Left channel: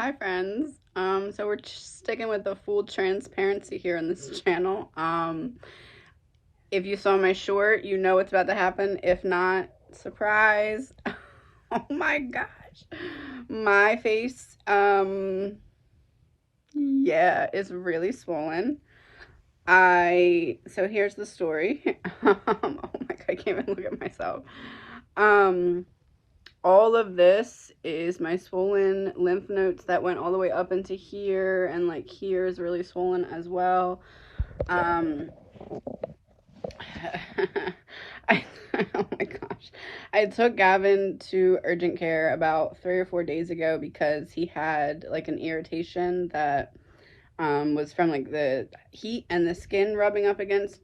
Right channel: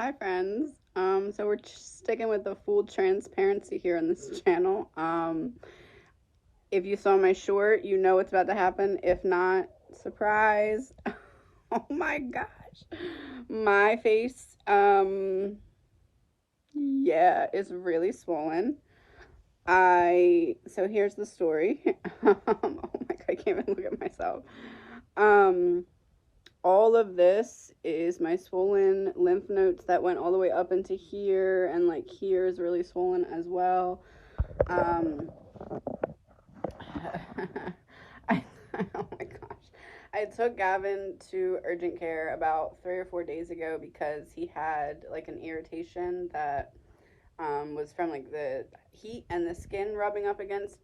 Hi friends. So we're sticking with the full transparency here on this channel. If you saw my short, you know what's about to happen. If not, surprise. Oh my gosh. My face, yeah, is really swollen. So here's the story. Oh my god, I can't even look at myself. Um, all of this is my swollen lymph nodes that went all the way up into here, and like here is really swollen as well. um I, oh my gosh, I took Gavin to urgent care about 3 or 4 days ago because he had like an irritation that was from like the heat and the skin rubbing up against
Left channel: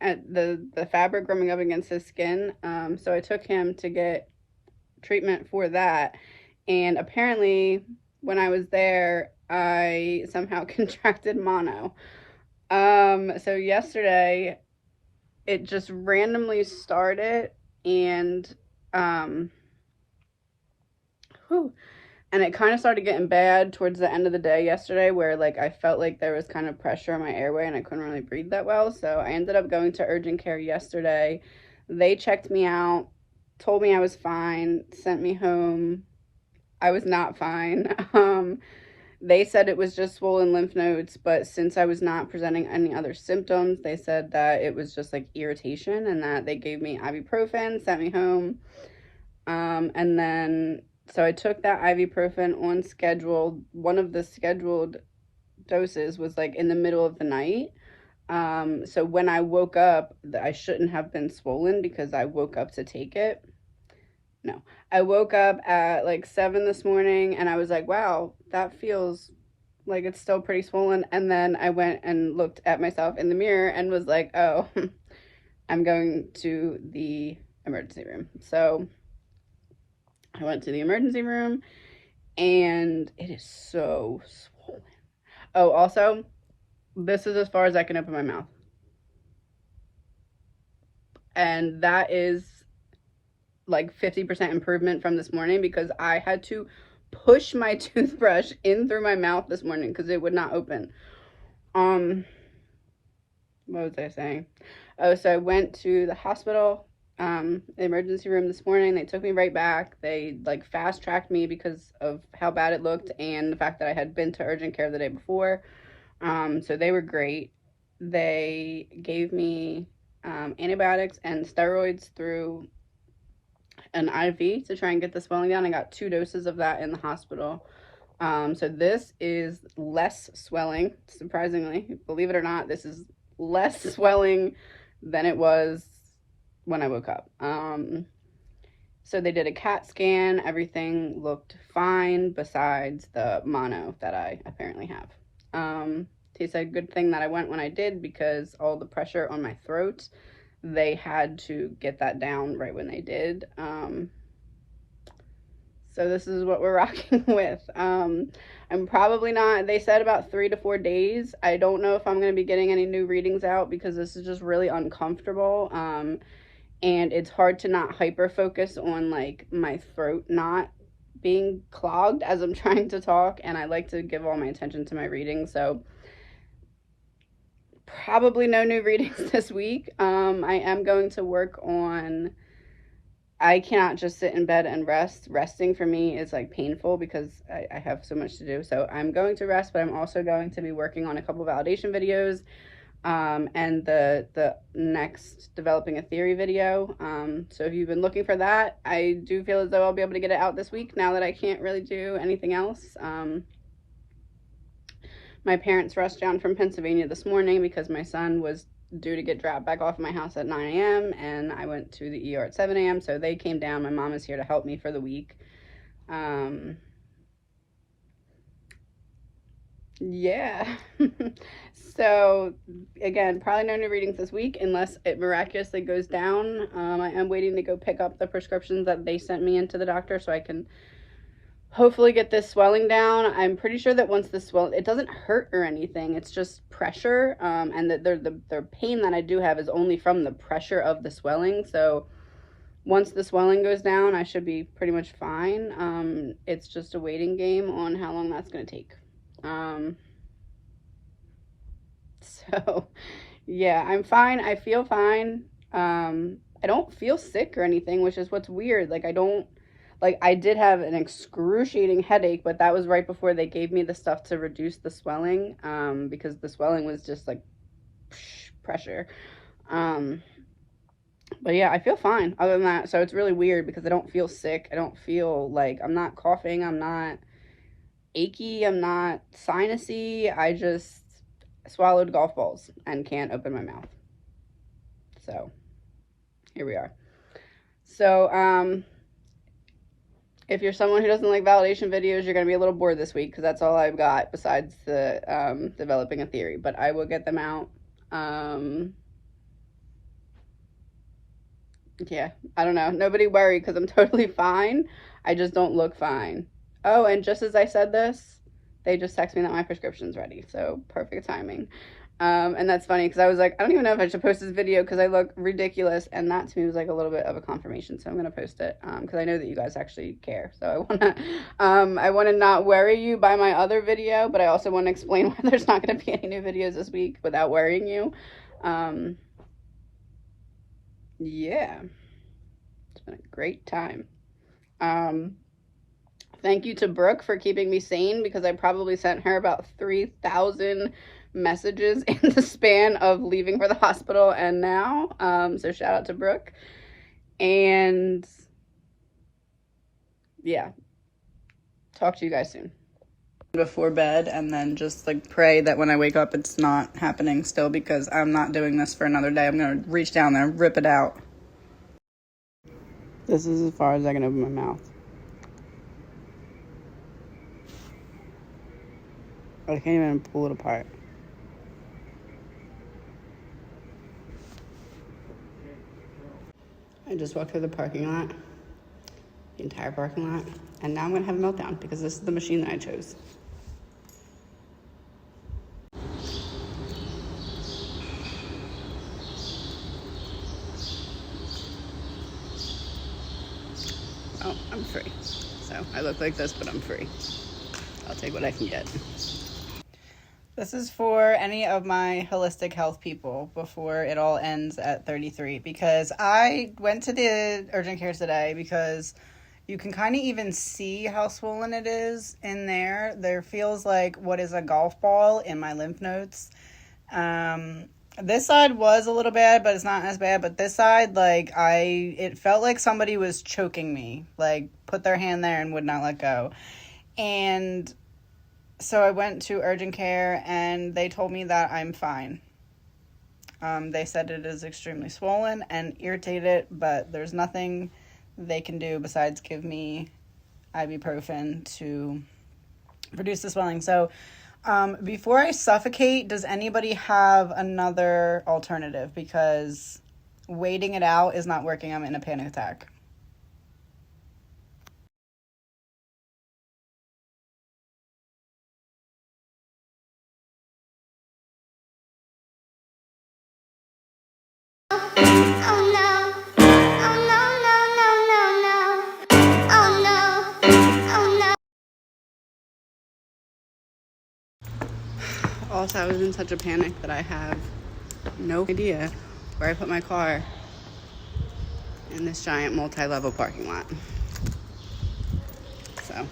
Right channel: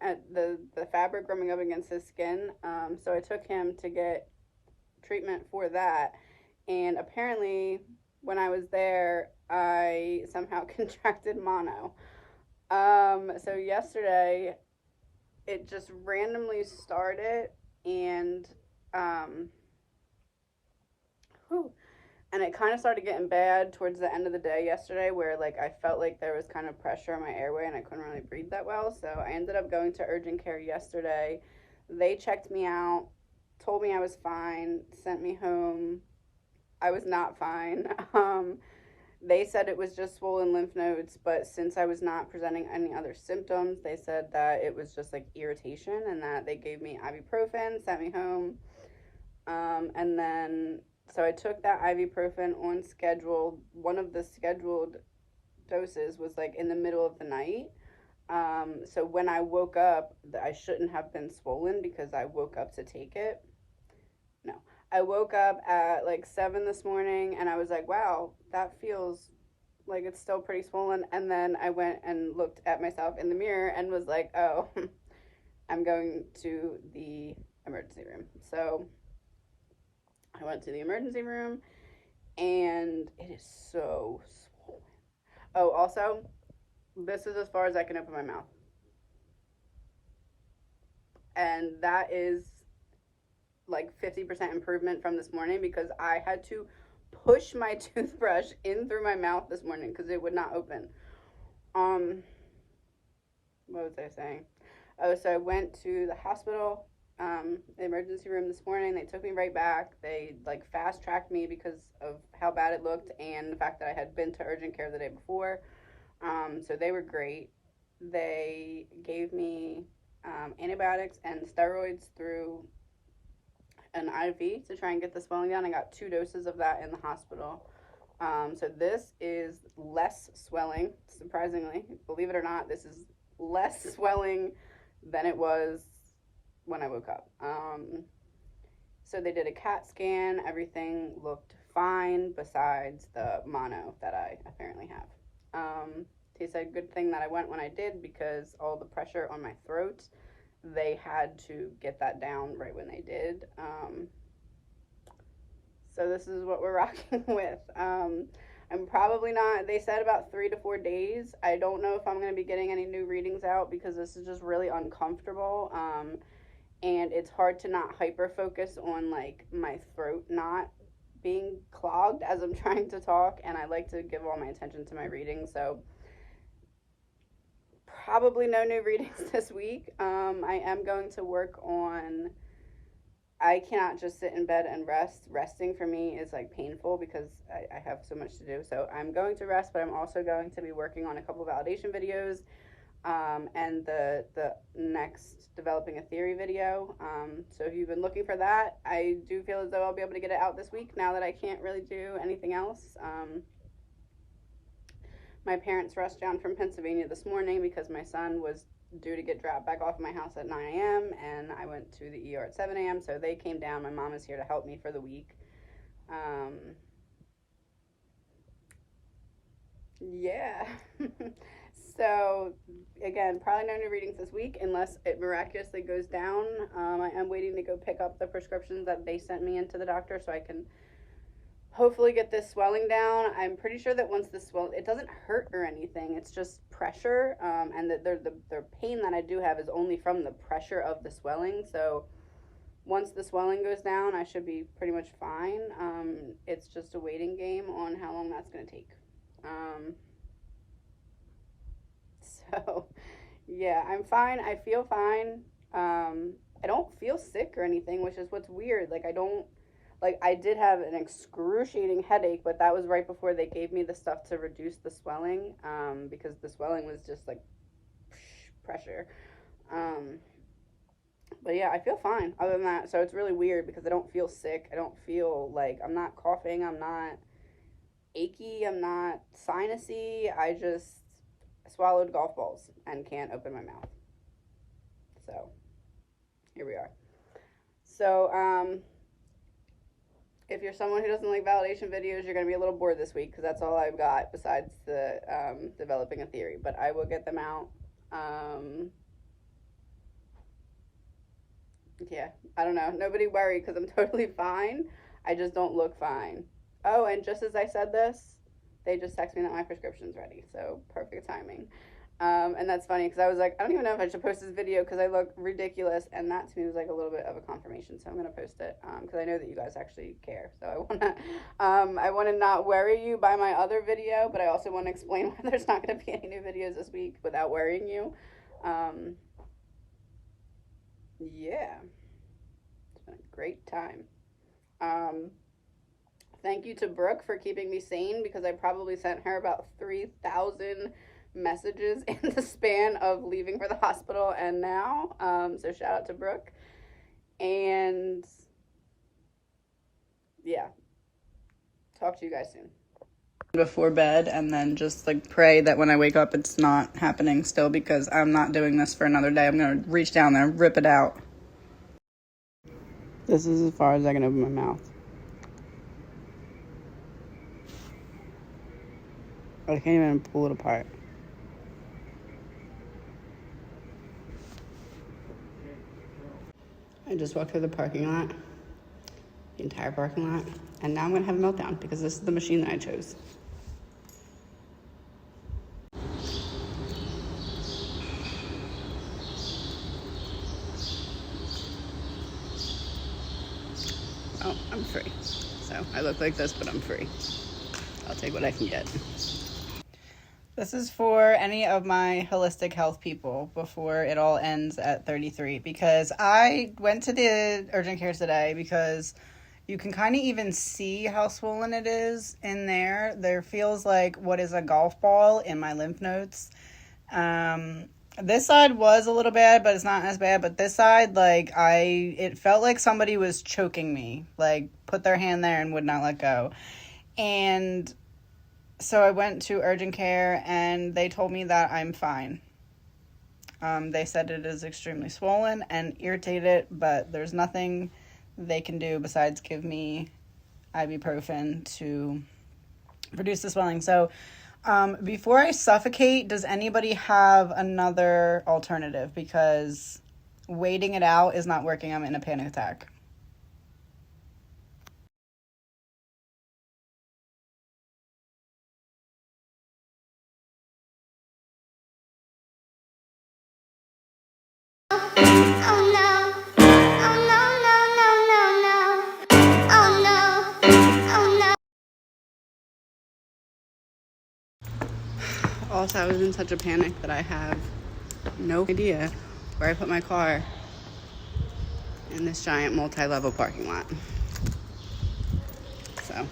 at the fabric rubbing up against his skin. So I took him to get treatment for that. And apparently, when I was there, I somehow contracted mono. So yesterday, it just randomly started, and um, whew, and it kind of started getting bad towards the end of the day yesterday, where like I felt like there was kind of pressure on my airway and I couldn't really breathe that well. So I ended up going to urgent care yesterday. They checked me out, told me I was fine, sent me home. I was not fine. They said it was just swollen lymph nodes, but since I was not presenting any other symptoms, they said that it was just like irritation, and that they gave me ibuprofen, sent me home. And then, so I took that ibuprofen on schedule. One of the scheduled doses was like in the middle of the night. So when I woke up, I shouldn't have been swollen because I woke up to take it. No. I woke up at like 7 this morning and I was like, wow, that feels like it's still pretty swollen. And then I went and looked at myself in the mirror and was like, oh, I'm going to the emergency room. So I went to the emergency room and it is so swollen. Oh, also, this is as far as I can open my mouth. And that is like 50% improvement from this morning because I had to push my toothbrush in through my mouth this morning because it would not open. Um, what was I saying? Oh, so I went to the hospital, the emergency room this morning. They took me right back. They like fast tracked me because of how bad it looked and the fact that I had been to urgent care the day before. So they were great. They gave me antibiotics and steroids through an IV to try and get the swelling down. I got 2 doses of that in the hospital. So this is less swelling, surprisingly. Believe it or not, this is less swelling than it was when I woke up. So they did a CAT scan. Everything looked fine besides the mono that I apparently have. They said good thing that I went when I did because all the pressure on my throat, they had to get that down right when they did. So this is what we're rocking with. I'm probably not, they said about 3 to 4 days. I don't know if I'm going to be getting any new readings out because this is just really uncomfortable. And it's hard to not hyper focus on like my throat not being clogged as I'm trying to talk. And I like to give all my attention to my reading. So probably no new readings this week. I am going to work on, I cannot just sit in bed and rest. Resting for me is like painful because I have so much to do. So I'm going to rest, but I'm also going to be working on a couple validation videos, and the next developing a theory video. So if you've been looking for that, I do feel as though I'll be able to get it out this week now that I can't really do anything else. My parents rushed down from Pennsylvania this morning because my son was due to get dropped back off at my house at 9 a.m. and I went to the ER at 7 a.m. So they came down. My mom is here to help me for the week. Yeah. So again, probably no new readings this week unless it miraculously goes down. I am waiting to go pick up the prescriptions that they sent me into the doctor so I can hopefully get this swelling down. I'm pretty sure that once the swell, it doesn't hurt or anything. It's just pressure, and that the pain that I do have is only from the pressure of the swelling. So once the swelling goes down, I should be pretty much fine. It's just a waiting game on how long that's going to take. So, yeah, I'm fine. I feel fine. I don't feel sick or anything, which is what's weird. Like, I did have an excruciating headache, but that was right before they gave me the stuff to reduce the swelling, because the swelling was just like pressure. But yeah, I feel fine other than that. So it's really weird because I don't feel sick. I don't feel like, I'm not coughing. I'm not achy. I'm not sinusy. I just swallowed golf balls and can't open my mouth. So here we are. So, if you're someone who doesn't like validation videos, you're going to be a little bored this week because that's all I've got besides the developing a theory. But I will get them out. Yeah, I don't know. Nobody worry because I'm totally fine. I just don't look fine. Oh, and just as I said this, they just text me that my prescription's ready. So perfect timing. And that's funny because I was like, I don't even know if I should post this video because I look ridiculous. And that to me was like a little bit of a confirmation. So I'm going to post it because I know that you guys actually care. So I want to not worry you by my other video, but I also want to explain why there's not going to be any new videos this week without worrying you. Yeah, it's been a great time. Thank you to Brooke for keeping me sane because I probably sent her about 3,000 messages in the span of leaving for the hospital and now. So shout out to Brooke. And yeah, talk to you guys soon. Before bed, and then just like pray that when I wake up it's not happening still, because I'm not doing this for another day. I'm gonna reach down there and rip it out. This is as far as I can open my mouth. I can't even pull it apart. I just walked through the parking lot, the entire parking lot, and now I'm gonna have a meltdown because this is the machine that I chose. Oh, I'm free. So I look like this, but I'm free. I'll take what I can get. This is for any of my holistic health people before it all ends at 33, because I went to the urgent care today because you can kind of even see how swollen it is in there. There feels like what is a golf ball in my lymph nodes. This side was a little bad, but it's not as bad. But this side, like, it felt like somebody was choking me, like put their hand there and would not let go. And so I went to urgent care and they told me that I'm fine. They said it is extremely swollen and irritated, but there's nothing they can do besides give me ibuprofen to reduce the swelling. So before I suffocate, does anybody have another alternative? Because waiting it out is not working. I'm in a panic attack. Also, I was in such a panic that I have no idea where I put my car in this giant multi-level parking lot. So